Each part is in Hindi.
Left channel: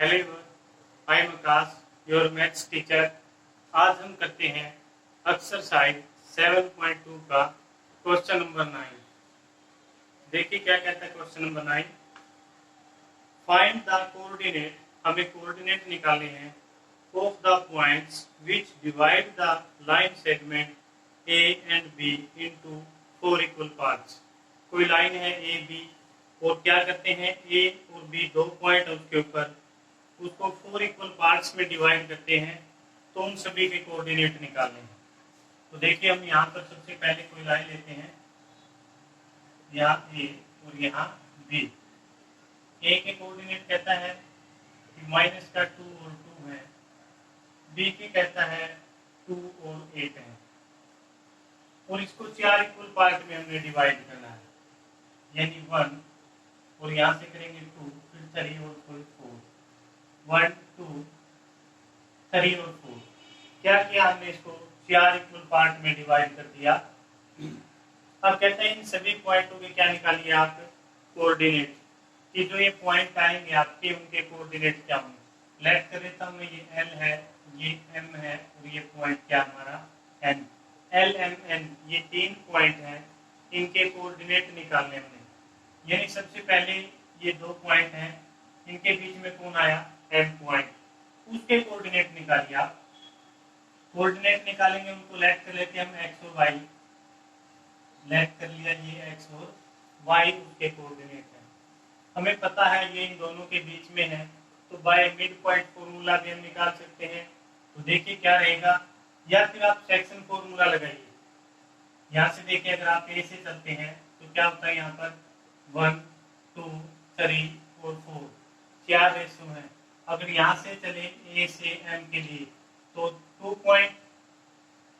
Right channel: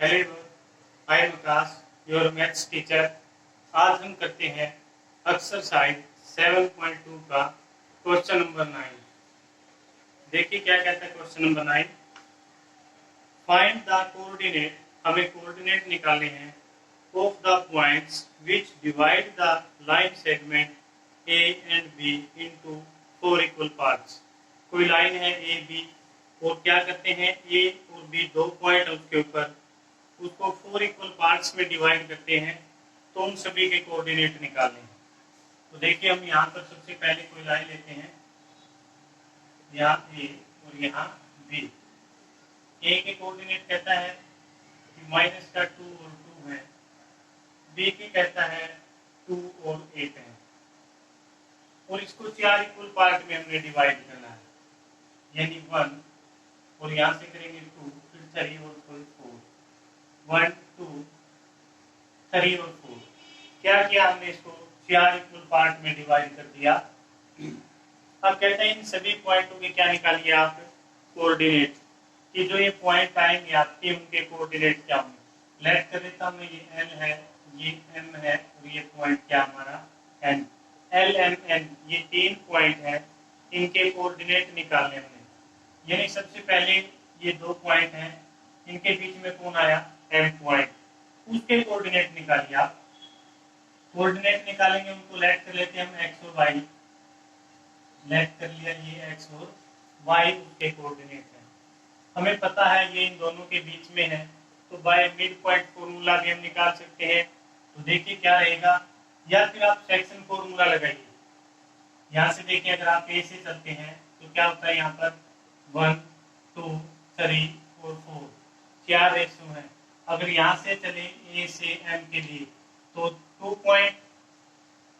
Hello, I am Akash, your maths teacher. आज हम करते हैं एक्सरसाइज 7.2 का क्वेश्चन नंबर 9। देखिए क्या कहता है question number 9। Find the coordinate, हमें कोऑर्डिनेट निकालने हैं of the points which divide the line segment A and B into 4 equal parts. कोई लाइन है ए बी और क्या करते हैं, ए और बी दो पॉइंट उसके ऊपर, उसको 4 इक्वल पार्ट्स में डिवाइड करते हैं, तो उन सभी के कोऑर्डिनेट निकालने हैं। तो देखिए हम यहाँ पर सबसे पहले कोई लाइन लेते हैं, यहाँ ए और यहाँ बी। ए के कोऑर्डिनेट कहता है कि माइनस का 2 और 2 है, बी के कहता है 2 और 8 है, और इसको 4 इक्वल पार्ट में हमने डिवाइड करना है, यानी 1 और यहाँ से करेंगे 2, फिर 3 और 4, 1 2 3 और 4। क्या किया हमने, इसको 4 इक्वल पार्ट में डिवाइड कर दिया। अब कहते हैं इन सभी पॉइंटों के क्या निकालिए आप, कोऑर्डिनेट, कि जो ये पॉइंट आएंगे आपके उनके कोऑर्डिनेट क्या होंगे। लेट कर देता हूँ, ये एल है, ये एम है और ये पॉइंट क्या हमारा एन। एल एम एन ये 3 पॉइंट है, इनके कोऑर्डिनेट निकालने हमने। यानी सबसे पहले ये 2 पॉइंट हैं, इनके बीच में कौन आया, एम पॉइंट, उसके कोऑर्डिनेट निकालिए आप। कोऑर्डिनेट निकालेंगे, उनको लेट कर लेते हैं हम एक्स और वाई। लेट कर लिया, ये एक्स और वाई उसके कोऑर्डिनेट है। हमें पता है ये इन दोनों के बीच में है, तो बाय मिड पॉइंट फॉर्मूला भी हम निकाल सकते हैं। तो देखिए क्या रहेगा, या फिर आप सेक्शन फॉर्मूला लगाइए। यहाँ से देखिए, अगर आप ए से चलते हैं तो क्या होता है, यहाँ पर 1 2 3 और 4 4 रेशो है। अगर यहाँ से चले ए से एम के लिए तो 2 पॉइंट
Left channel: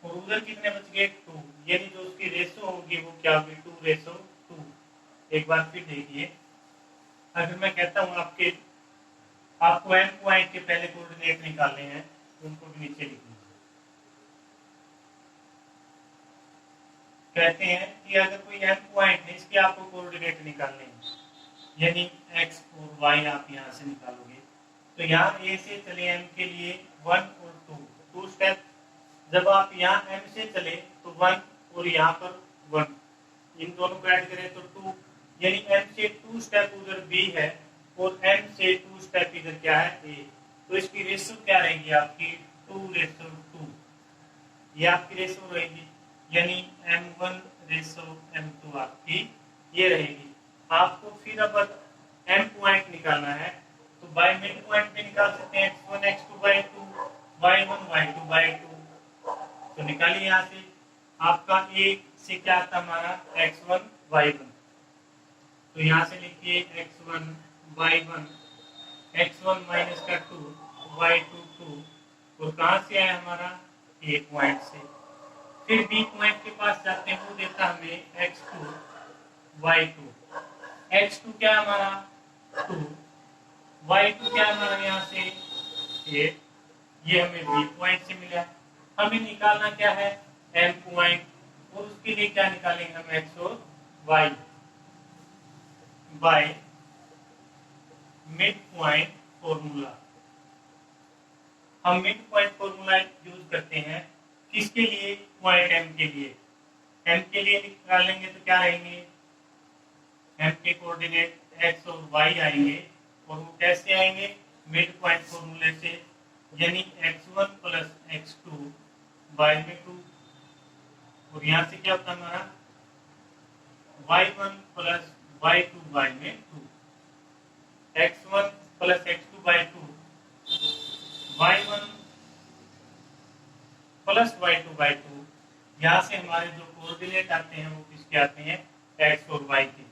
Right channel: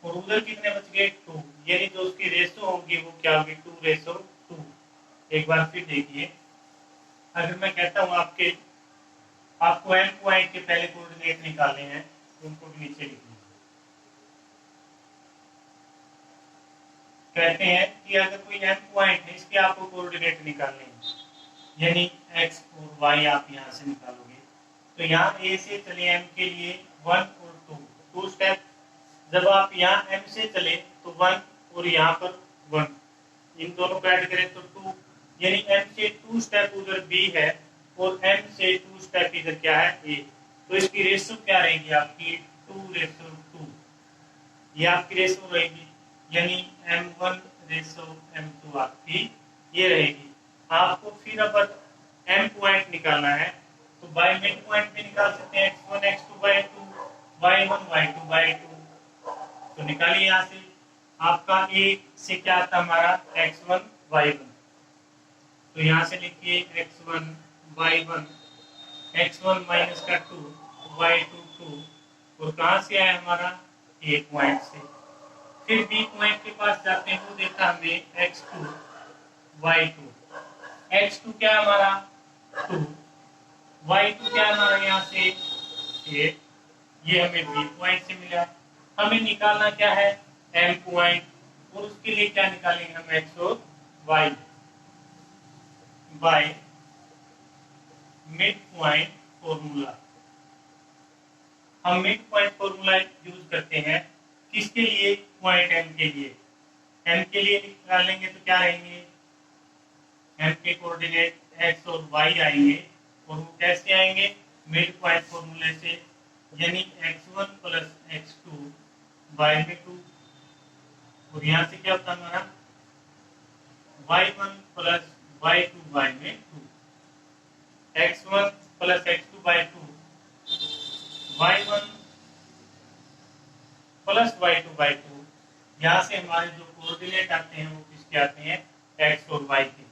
और उधर कितने बच गए 2, यानी जो उसकी रेशो होगी वो क्या होगी 2:2। एक बार फिर देखिए, अगर मैं कहता हूँ आपको एम पॉइंट के पहले कोऑर्डिनेट निकालने हैं, उनको नीचे लिखना। कहते हैं कि अगर कोई एम पॉइंट है, इसके आपको कोऑर्डिनेट निकालने हैं, यानी एक्स और वाई आप यहाँ से निकालोगे। तो यहाँ ए से चले एम के लिए 1 और 2 स्टेप। जब आप यहाँ एम से चले तो 1 और यहाँ पर 1, इन दोनों को ऐड करें तो 2, यानी एम से 2 स्टेप उधर बी है और एम से 2 स्टेप इधर क्या है ए। तो इसकी रेशो क्या रहेगी आपकी 2:2, ये आपकी रेशो रहेगी, यानी m1:m2 आपकी ये रहेगी। आपको फिर अब एम पॉइंट निकालना है, तो बाय मिड पॉइंट भी निकाल सकते हैं, x1 x2/2 y1 y2/2। तो निकालिए यहाँ से, आपका ए से क्या आता हमारा x1 y1, तो यहाँ से लिखिए x1 y1, x1 माइनस का 2 y2 2, और कहाँ से आया हमारा ए पॉइंट से। फिर बी पॉइंट के पास जाते हैं, वो देता हमें x2 y2, x2 क्या है हमारा 2, y2 क्या है हमारा यहाँ से 8, ये हमें बी पॉइंट से मिला। हमें निकालना क्या है एम पॉइंट, और उसके लिए क्या निकालेंगे हम एक्स और y by mid point formula. हम मिड पॉइंट फॉर्मूला यूज करते हैं किसके लिए, पॉइंट एम के लिए। एम के लिए निकालेंगे तो क्या रहेंगे, एम के कोऑर्डिनेट एक्स और वाई आएंगे, और वो कैसे आएंगे, मिड पॉइंट फॉर्मूले से, यानी x1 प्लस x2 बाय में 2, और यहाँ से क्या होता है हमारा y1 प्लस y2 बाय में 2, x1 plus x2 bye 2, y1 plus y2 bye 2। यहाँ से हमारे जो कोऑर्डिनेट आते हैं वो किसके आते हैं, x और y के।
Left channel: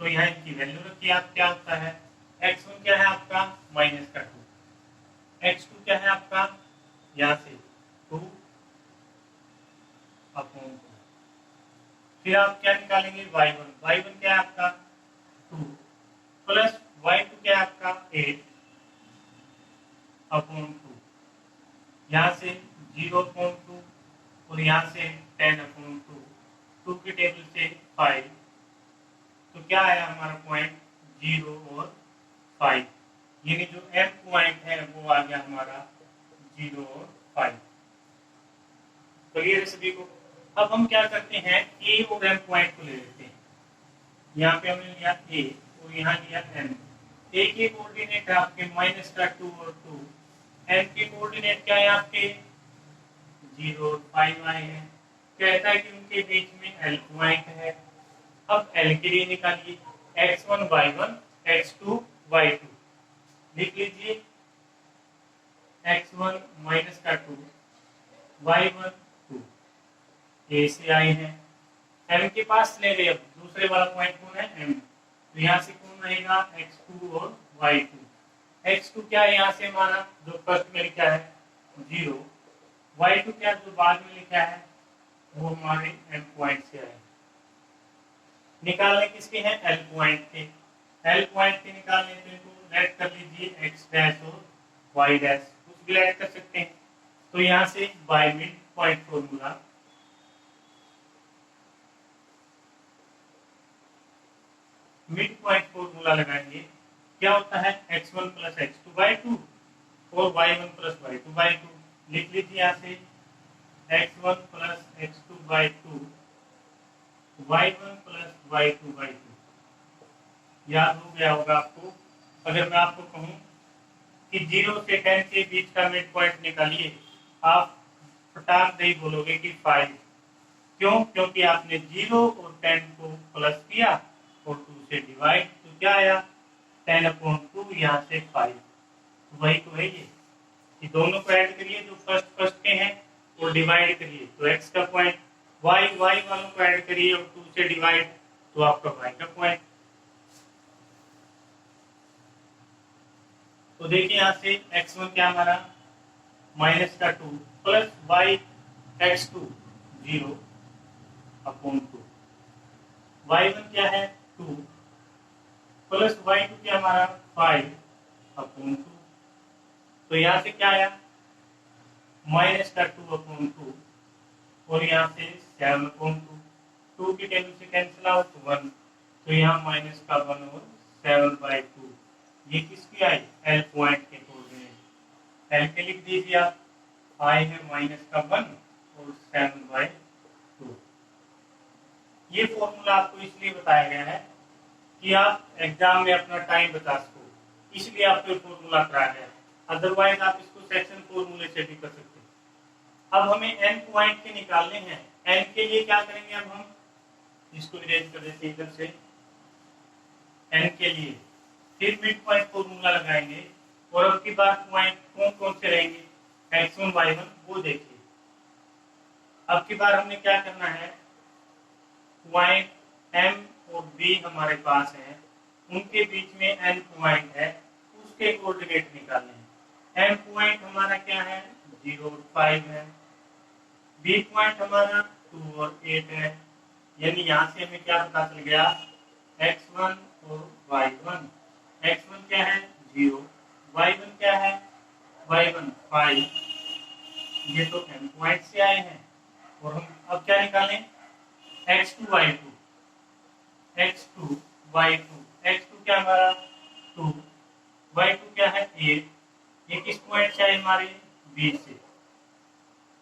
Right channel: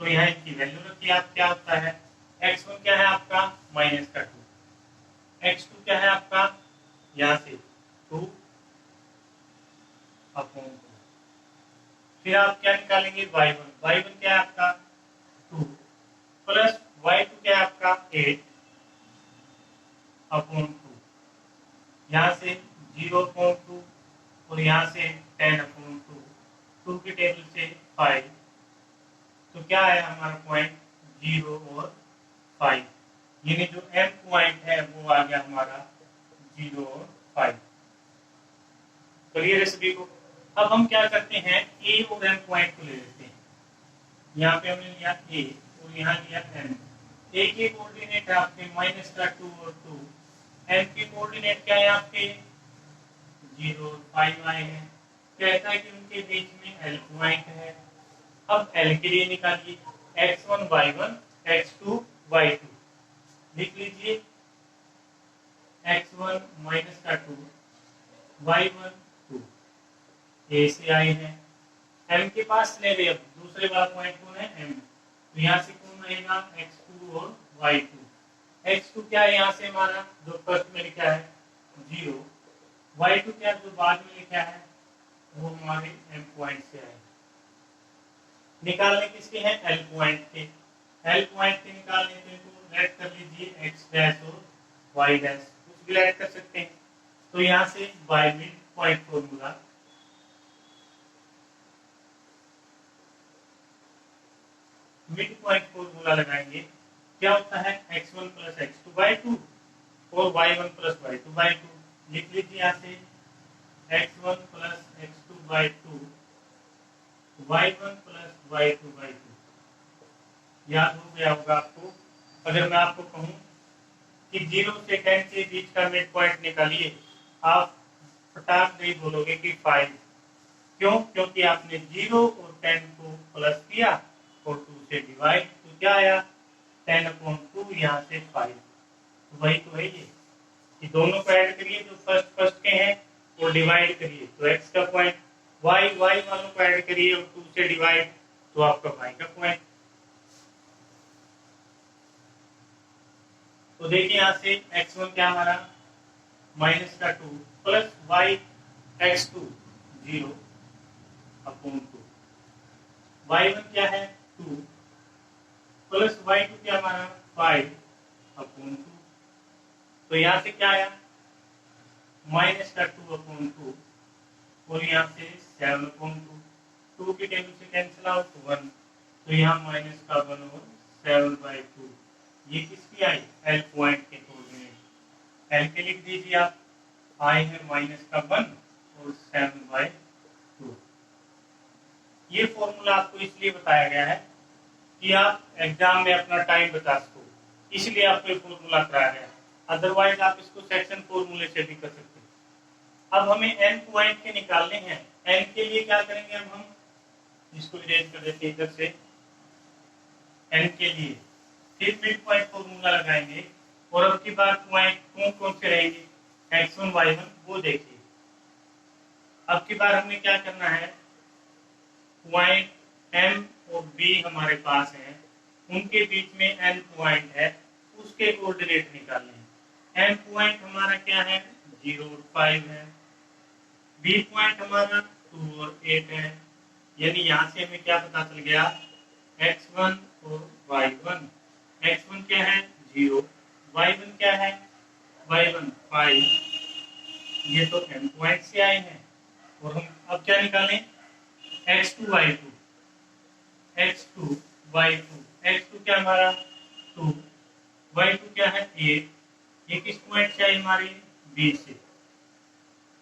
तो यहाँ इनकी वैल्यू रखिए आप, क्या होता है x1 क्या है आपका माइनस का 2, x2 क्या है आपका यहाँ से 2 अपॉन 2। फिर आप क्या निकालेंगे y1 क्या है आपका 2 प्लस y2 क्या है आपका 8 अपॉन 2, यहाँ से 0.2 और यहाँ से 10/2, 2 की टेबल से 5, तो क्या है हमारा पॉइंट 0 और 5। यानी जो m पॉइंट है वो आ गया हमारा 0 और 5। क्लियर है सभी को? अब हम क्या करते हैं, a और m पॉइंट को ले लेते हैं। यहाँ पे हमने लिया a और यहाँ लिया m। a के कोऑर्डिनेट है आपके -2 और 2। m के कोऑर्डिनेट क्या है आपके 0 और 5 आए हैं। कहता है कि उनके बीच में l पॉइंट है। अब l के लिए निकालिए, x1 y1 x2 y2। लिख लीजिए x1 -2 y1 2। ए से आए हैं, m के पास ले गए। अब दूसरे वाला पॉइंट कौन है m, तो यहाँ से कौन रहेगा x2 और y2। x2 क्या है यहाँ से हमारा जो फर्स्ट में लिखा है 0, y2 क्या जो बाद में लिखा है वो हमारे m पॉइंट से आए। निकालने किसके हैं l पॉइंट के। l पॉइंट के निकालने तो इनको ऐड कर लीजिए x डैश और y डैश, कुछ भी ऐड कर सकते हैं। तो यहाँ से bye mid point formula, mid point formula लगाएंगे। क्या होता है x1 प्लस x2 बाई 2 और y1 प्लस y2 बाई 2। लिख लीजिए यहाँ से x1 plus x2 by 2 y1 plus y2 by 2। याद हो गया होगा आपको। अगर मैं आपको कहूँ कि 0 से 10 के बीच का मिड पॉइंट निकालिए, आप फटाक नहीं बोलोगे कि 5। क्यों? क्योंकि आपने 0 और 10 को प्लस किया और 2 से डिवाइड, तो क्या आया 10/2, यहाँ से 5। तो वही तो है ये दोनों को ऐड करिए जो फर्स्ट के हैं और डिवाइड करिए तो x का पॉइंट, y वालों को ऐड करिए और 2 से डिवाइड तो आपका y का पॉइंट। तो देखिए यहाँ से x1 क्या हमारा -2 प्लस y x2 0/2, y1 क्या है 2 प्लस y2 क्या हमारा 5/2। तो यहाँ से क्या आया -2/2 और यहाँ से 7/2। 2 की टेबल से कैंसिल आउट 1, तो यहाँ -1 और 7/2। ये किसकी आई l पॉइंट के कोऑर्डिनेट। l के लिख दीजिए आप, i है -1 और 7/2। ये फॉर्मूला आपको इसलिए बताया गया है कि आप एग्जाम में अपना टाइम बचा सको, इसलिए आपको फॉर्मूला कराया गया है। अदरवाइज आप इसको सेक्शन फॉर्मूले से भी कर सकते हैं। अब हमें n पॉइंट के निकालने हैं। n के लिए क्या करेंगे, अब हम इसको इरेज कर देते हैं इधर से। n के लिए फिर मिड पॉइंट फॉर्मूला लगाएंगे और अब की बार पॉइंट कौन कौन से रहेंगे x1 y1 वो देखिए। अब की बार हमने क्या करना है, पॉइंट m और b हमारे पास है, उनके बीच में n पॉइंट है, उसके कोऑर्डिनेट निकालने हैं। m पॉइंट हमारा क्या है 0 और 5 है, b पॉइंट हमारा 2 और 8 है। यानी यहाँ से हमें क्या पता चल गया x1 और y1। x1 क्या है 0, y1 क्या है y1 5। ये तो m पॉइंट से आए हैं और हम अब क्या निकालें x2 y2, x2 y2, x2 क्या हमारा 2, y2 क्या है 8। ये किस पॉइंट से आई हमारी b से,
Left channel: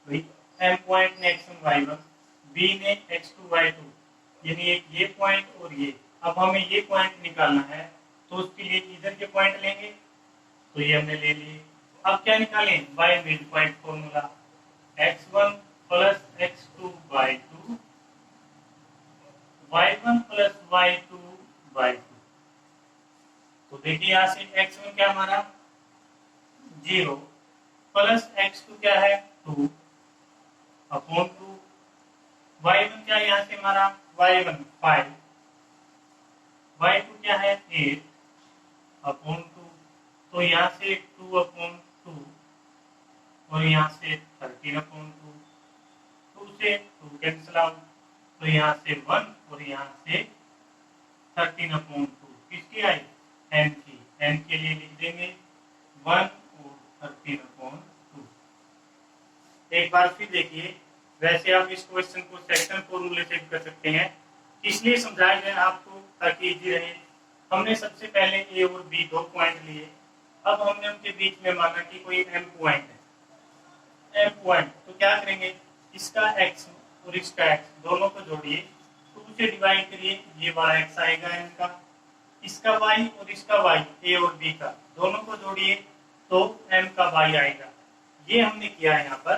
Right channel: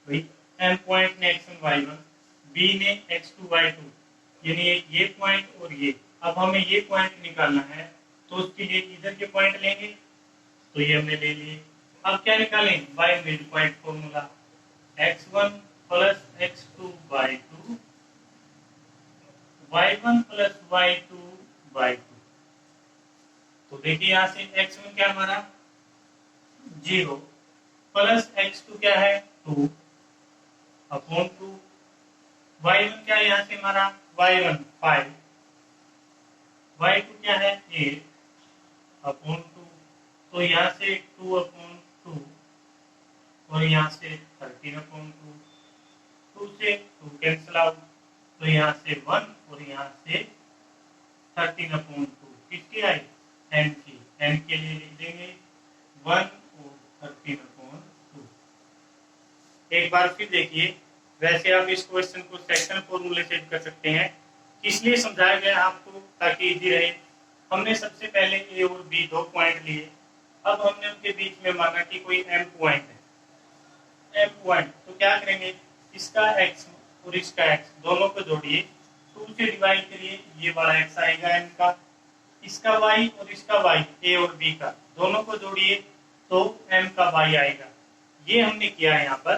भाई m पॉइंट ने x1 y1, b ने x2 y2, यानी एक ये पॉइंट और ये। अब हमें ये पॉइंट निकालना है तो उसके लिए इधर के पॉइंट लेंगे, तो ये हमने ले लिए। अब क्या निकालें bye mid point formula, x1 plus x2 by 2 y1 plus y2 by 2। तो देखिए यहाँ से x1 क्या हमारा 0 प्लस x2 क्या है 2/2, y1 क्या है यहाँ से हमारा y1 5, y2 क्या है 8/2। तो यहाँ से 2/2 और यहाँ से 13/2, 2 से 2 कैंसिल आउट, तो यहाँ से 1 और यहाँ से 13/2। किसकी आई n की, n के लिए लिख देंगे 1 और 13/2। एक बार फिर देखिए, वैसे आप इस क्वेश्चन को सेक्शन फॉर्मूले से कर सकते हैं, इसलिए समझाया गया आपको ताकि इजी रहे। हमने सबसे पहले a और b 2 पॉइंट लिए, अब हमने उनके बीच में माना कि कोई m पॉइंट है, m पॉइंट, तो क्या करेंगे, इसका x और इसका x दोनों को जोड़िए, 2 से डिवाइड करिए, ये वाला x आएगा m का, इसका y और इसका y, a और b का दोनों को जोड़िए तो m का y आएगा। ये हमने किया है यहाँ पर।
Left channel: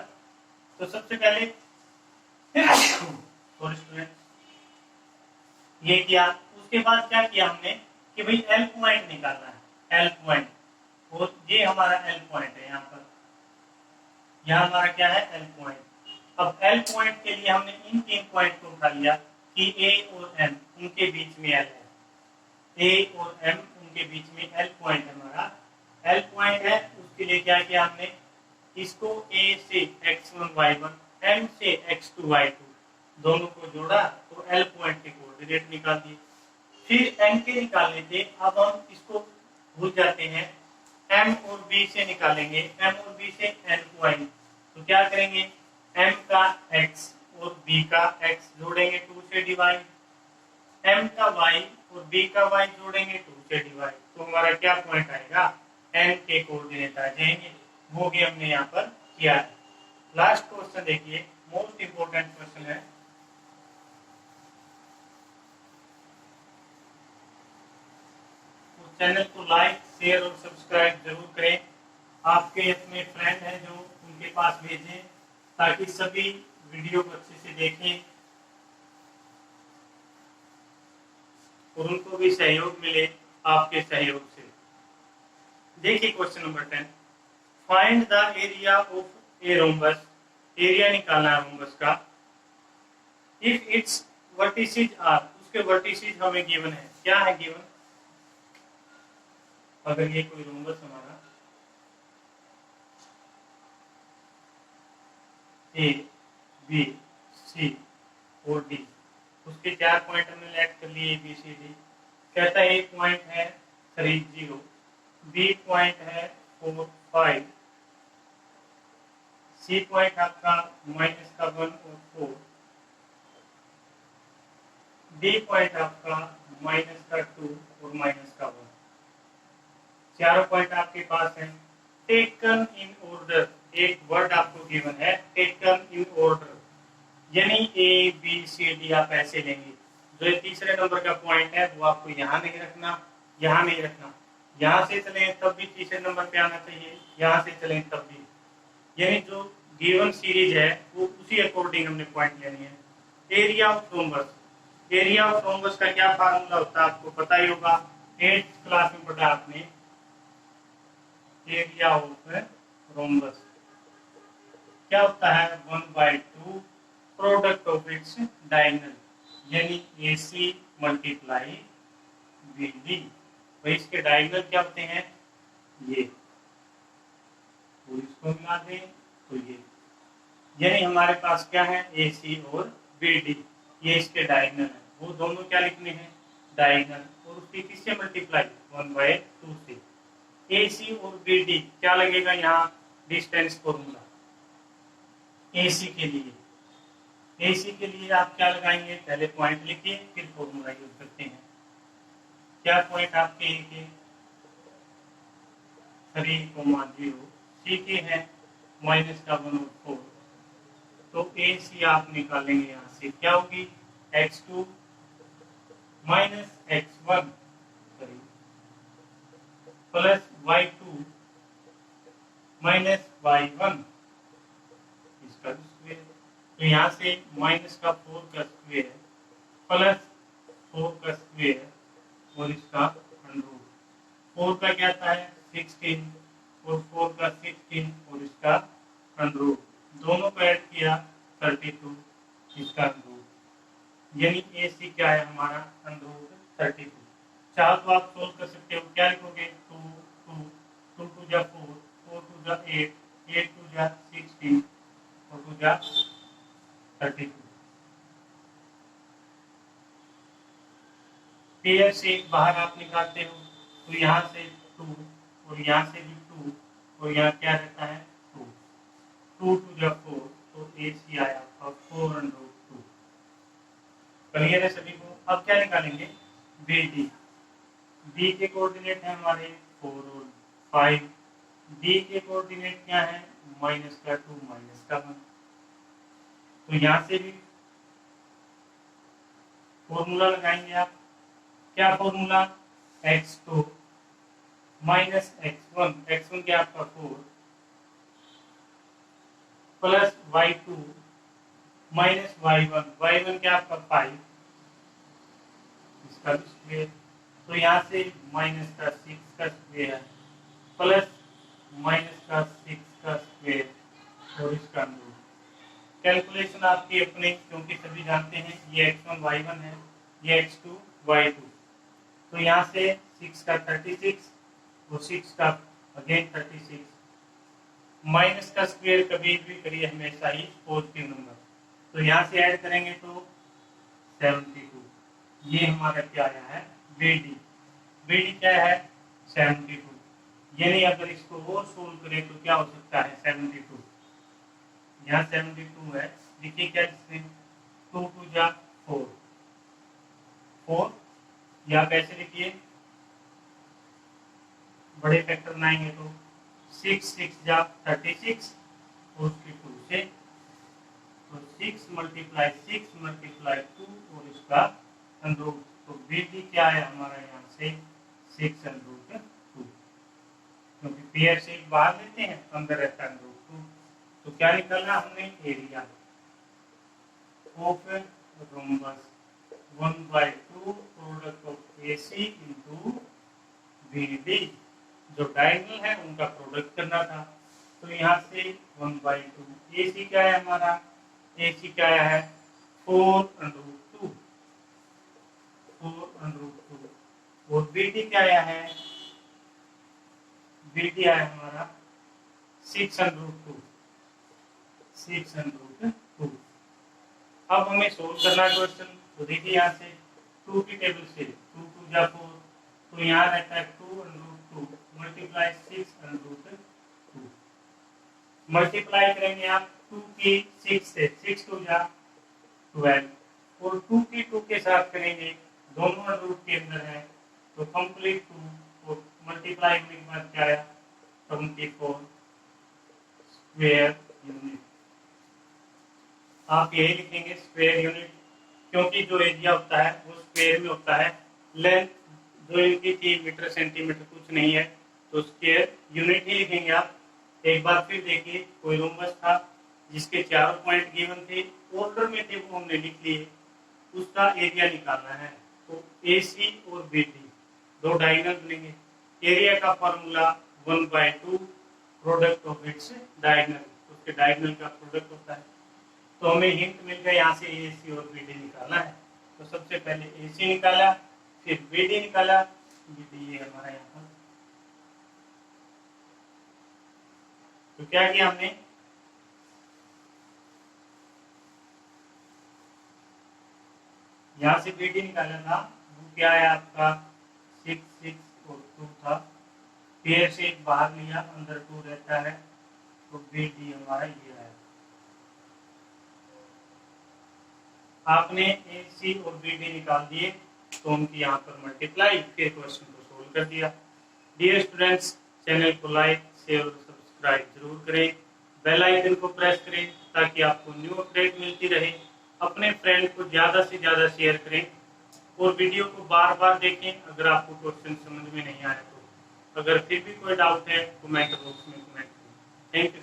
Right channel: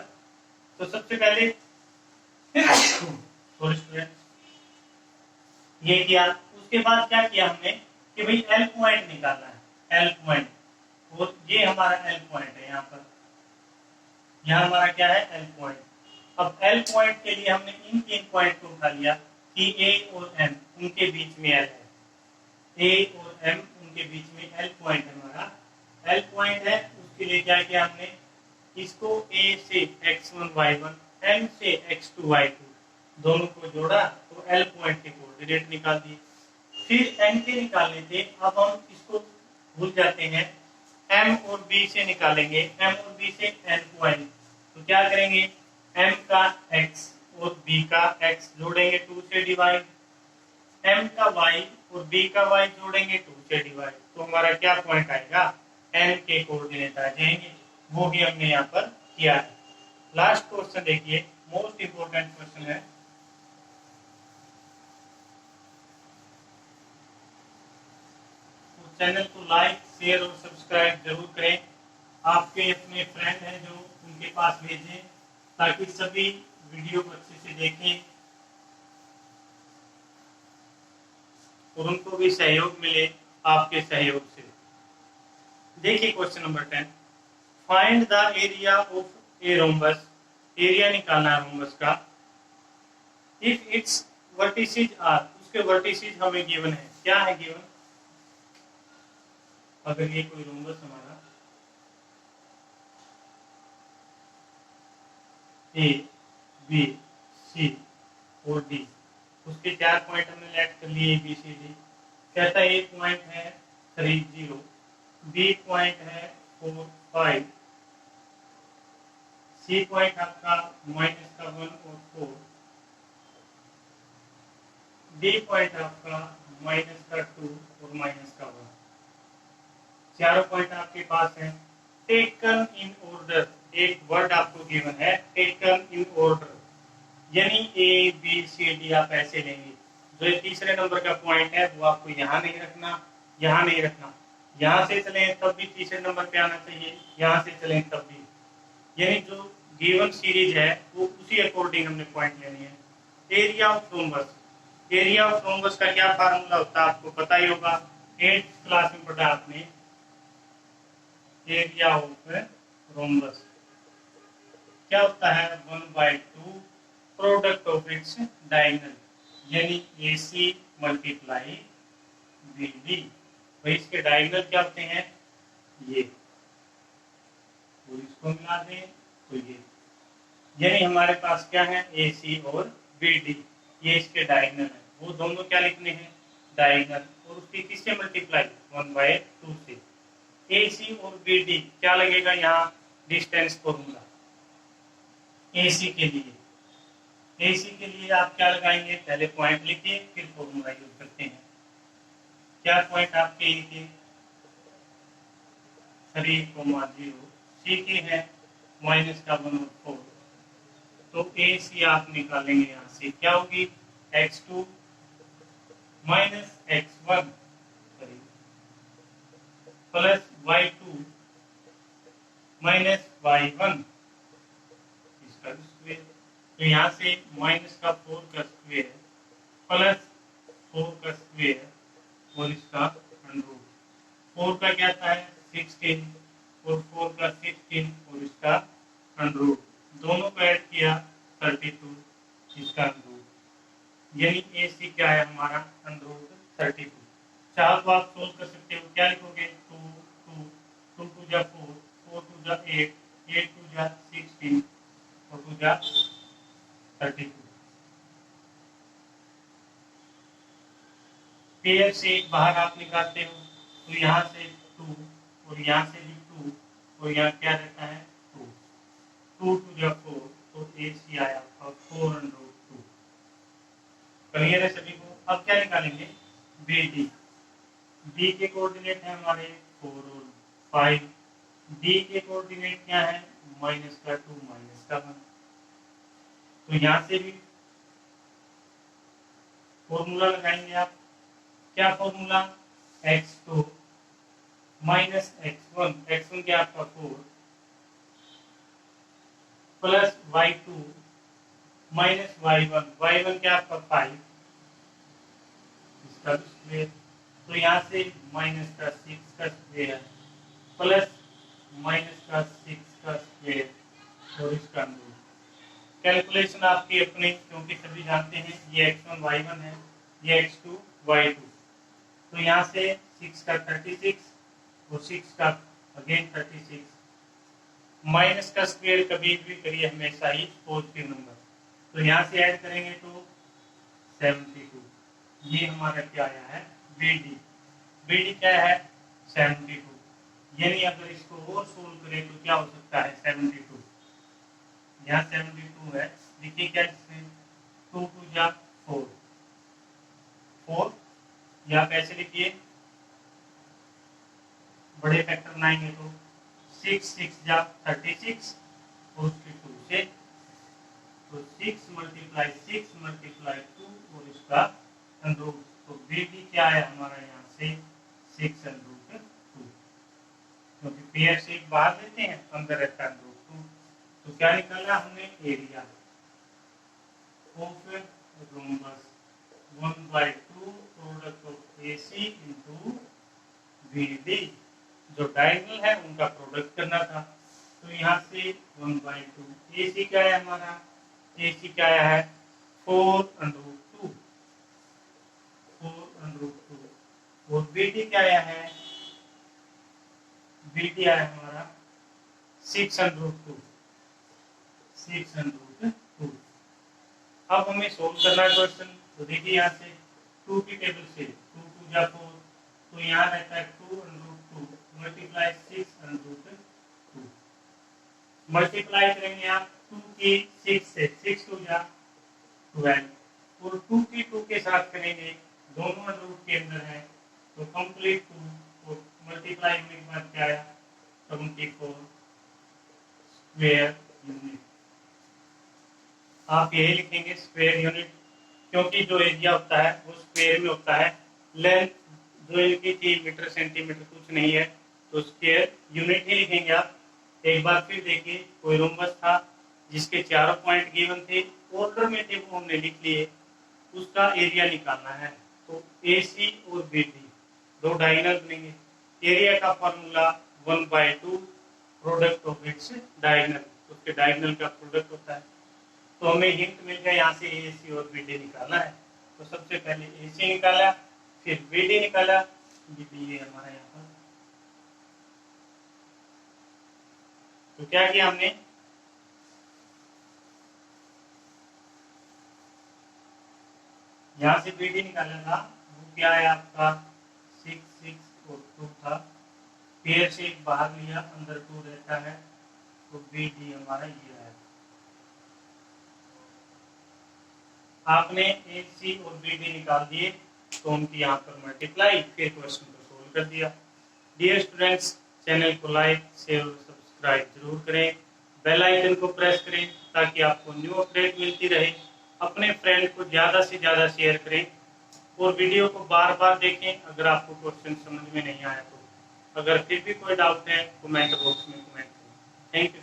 तो सबसे पहले और स्टूडेंट ये किया, उसके बाद क्या किया हमने कि भाई L पॉइंट निकालना है, L पॉइंट, और ये हमारा L पॉइंट है यहाँ पर, यहाँ हमारा क्या है L पॉइंट। अब L पॉइंट के लिए हमने इन 3 पॉइंट को उठा लिया कि A और M उनके बीच में L है, A और M उनके बीच में L पॉइंट है हमारा, L पॉइंट है। उसके लिए क्या किया हमने, इसको A से x1 y1, M से x2 y2 दोनों को जोड़ा तो L पॉइंट के कोऑर्डिनेट निकाल दिए। फिर N के निकालने थे, अब हम इसको भूल जाते हैं, M और B से निकालेंगे, M और B से N पॉइंट, तो क्या करेंगे, M का x और B का x जोड़ेंगे 2 से डिवाइड, M का y और B का y जोड़ेंगे 2 से डिवाइड, तो हमारा क्या पॉइंट आएगा, N के कोऑर्डिनेट आ जाएंगे। वो भी हमने यहाँ पर किया है। लास्ट क्वेश्चन देखिए, मोस्ट इंपोर्टेंट क्वेश्चन है। तो चैनल को लाइक, शेयर और सब्सक्राइब जरूर करें। आपके अपने फ्रेंड हैं जो, उनके पास भेजें ताकि सभी वीडियो को अच्छे से देखें और उनको भी सहयोग मिले आपके सहयोग से। देखिए question number 10, find the area of a rhombus, area निकालना है रोम्बस का। इफ इट्स वर्टिसेज आर, उसके वर्टिसेज हमें गिवन है, क्या है गिवन, अगर ये कोई रोम्बस हमारा ए बी सी और डी, उसके 4 पॉइंट हमने लेट कर लिए, ए बी सी डी। कहता है ए पॉइंट है 3 0, बी पॉइंट है 4 5, सी पॉइंट आपका -1 और 4, डी पॉइंट आपका -2 और -1। चारों पॉइंट आपके पास हैं। टेकन इन ऑर्डर, एक वर्ड आपको गिवन है, टेकन इन ऑर्डर, यानी ए बी सी डी आप ऐसे लेंगे। जो तीसरे नंबर का पॉइंट है वो आपको यहाँ नहीं रखना, यहाँ नहीं रखना, यहाँ से चले तब भी तीसरे नंबर पे आना चाहिए, यहाँ से चले तब भी, यानी जो गिवन सीरीज है वो उसी अकॉर्डिंग हमने पॉइंट लेनी है। Area of rhombus, area of rhombus का क्या फार्मूला होता है आपको पता ही होगा, 8th क्लास में पढ़ा आपने। एरिया ऑफ रोम्बस क्या होता है, 1/2 प्रोडक्ट ऑफ इट्स डायगोनल, यानी AC मल्टीप्लाई BD। भाई इसके डायगोनल क्या होते हैं, ये, तो इसको मिला दें तो ये, यानी हमारे पास क्या है AC और BD, ये इसके डायगोनल है। वो दोनों क्या लिखने हैं, डायगोनल, और उसकी किससे मल्टीप्लाई, 1/2 से। AC और BD क्या लगेगा यहाँ, डिस्टेंस फॉर्मूला। AC के लिए, AC के लिए आप क्या लगाएंगे, पहले पॉइंट लिखिए फिर फॉर्मूला यूज करते हैं। क्या पॉइंट आपके ए के 3,0, सी के है -1 और 4, तो AC आप निकालेंगे यहाँ से, क्या होगी, x2 -x1 plus y2 -y1 इसका स्क्वायर, तो यहाँ से -4 का स्क्वायर प्लस 4 का स्क्वायर और इसका अंडररूट। 4 का क्या था है 16 और 4 का 16 और इसका अंडररूट, दोनों को ऐड किया 32, इसका अंडररूट, यानी AC क्या है हमारा, अंडररूट 32। चार को आप सोल्व कर सकते हो, क्या लिखोगे, 2 2 2 2 जा 4, 4 2 जा 8, 8 2 जा 16 और 2 जा 32। पेयर से एक बाहर आप निकालते हो तो यहाँ से 2 और यहाँ से भी 2 और यहाँ क्या रहता है 2, 2 2 जा 4, तो AC आया और 4√2। क्लियर है सभी को। अब क्या निकालेंगे, BD, B के कोऑर्डिनेट है हमारे 4 और 5। डी के कोऑर्डिनेट क्या है, -2 -1। तो यहाँ से भी फॉर्मूला लगाएंगे आप। क्या फॉर्मूला, x2 -x1, x1 क्या आपका 4 प्लस y2 -y1, y1 क्या आपका 5, इसका स्क्वायर। तो यहाँ से माइनस का 6 का स्क्वायर प्लस माइनस का 6 का स्क्वायर और इसका रूट। कैलकुलेशन आपकी अपनी, क्योंकि सभी जानते हैं ये x1 y1 है, ये x2 y2। तो यहाँ से 6 का 36 और 6 का अगेन 36। माइनस का स्क्वायर कभी भी करिए हमेशा ही पॉजिटिव नंबर। तो यहाँ से ऐड करेंगे तो 72। ये हमारा क्या आया है, BD। BD क्या है, 72। यानी अगर इसको और सोल्व करें तो क्या हो सकता है, 72। यहाँ 72 है, देखिए क्या, इसमें 2 2 जा 4 4, या कैसे लिखिए, बड़े फैक्टर बनाएंगे तो 6 6 जा 36 और उसके 2 से, तो 6 × 6 × 2 और इसका अंडर। तो BD क्या है हमारा यहाँ से 6√2, क्योंकि पेयर से बाहर लेते हैं अंदर रहता है √2। तो क्या निकाला हमने, area of rhombus 1/2 product of AC into BD। जो डायगोनल है उनका प्रोडक्ट करना था। तो यहाँ से 1/2, AC क्या है हमारा, AC क्या है 4√2, 4√2। और BD क्या आया है, BD आया हमारा 6√2, 6√2। अब हमें सोल्व करना है क्वेश्चन। तो देखिए यहाँ से 2 की टेबल से 2 2 जा 4, तो यहाँ रहता है 2√2 मल्टीप्लाई 6√2। मल्टीप्लाई करेंगे आप 2 की 6 से, 6 2 जा 12, और 2 की 2 के साथ करेंगे, दोनों रूट के अंदर है तो कंप्लीट 2, और मल्टीप्लाई होने के बाद क्या आया, 24 स्क्वायर यूनिट। आप यही लिखेंगे स्क्वायर यूनिट, क्योंकि जो एरिया होता है वो स्क्वायर में होता है। लेंथ जो इनकी थी मीटर सेंटीमीटर कुछ नहीं है, तो स्क्वायर यूनिट ही लिखेंगे आप। एक बार फिर देखिए, कोई रोम्बस था जिसके 4 पॉइंट गिवन थे, ऑर्डर में थे वो हमने लिख लिए, उसका एरिया निकालना है। तो AC और BD दो डायगोनल बनेंगे। एरिया का formula 1/2 product of its diagonal, उसके डायगोनल का प्रोडक्ट होता है। तो हमें हिंट मिल गया, यहाँ से AC और BD निकालना है। तो सबसे पहले AC निकाला, फिर BD निकाला, BD ये हमारा यहाँ पर। तो क्या किया हमने, यहाँ से BD निकाला था, वो क्या है आपका 6 6 और 2 था, पेयर से एक बाहर लिया, अंदर 2 रहता है, तो BD हमारा ये है। आपने AC और BD निकाल दिए तो उनकी यहाँ पर मल्टीप्लाई, फिर क्वेश्चन को सोल्व कर दिया। डियर स्टूडेंट्स, चैनल को लाइक शेयर और सब्सक्राइब जरूर करें, बेल आइकन को प्रेस करें ताकि आपको न्यू अपडेट मिलती रहे। अपने फ्रेंड को ज़्यादा से ज़्यादा शेयर करें और वीडियो को बार बार देखें अगर आपको क्वेश्चन समझ में नहीं आया तो। अगर फिर भी कोई डाउट है कमेंट बॉक्स में कमेंट करें। Thank you.